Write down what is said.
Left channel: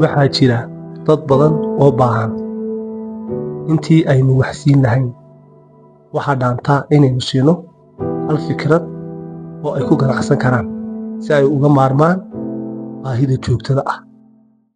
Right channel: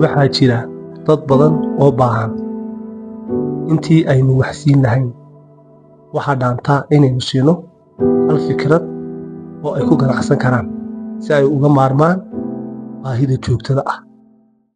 waxaa jira dad badan oo baahan. Intii aynu wax siin lahayn, waxaa dhaantaa inaynu siino hal fikrad oo ay ku ganacsan karaan si ay uga maarmaan baahida joogtada ah.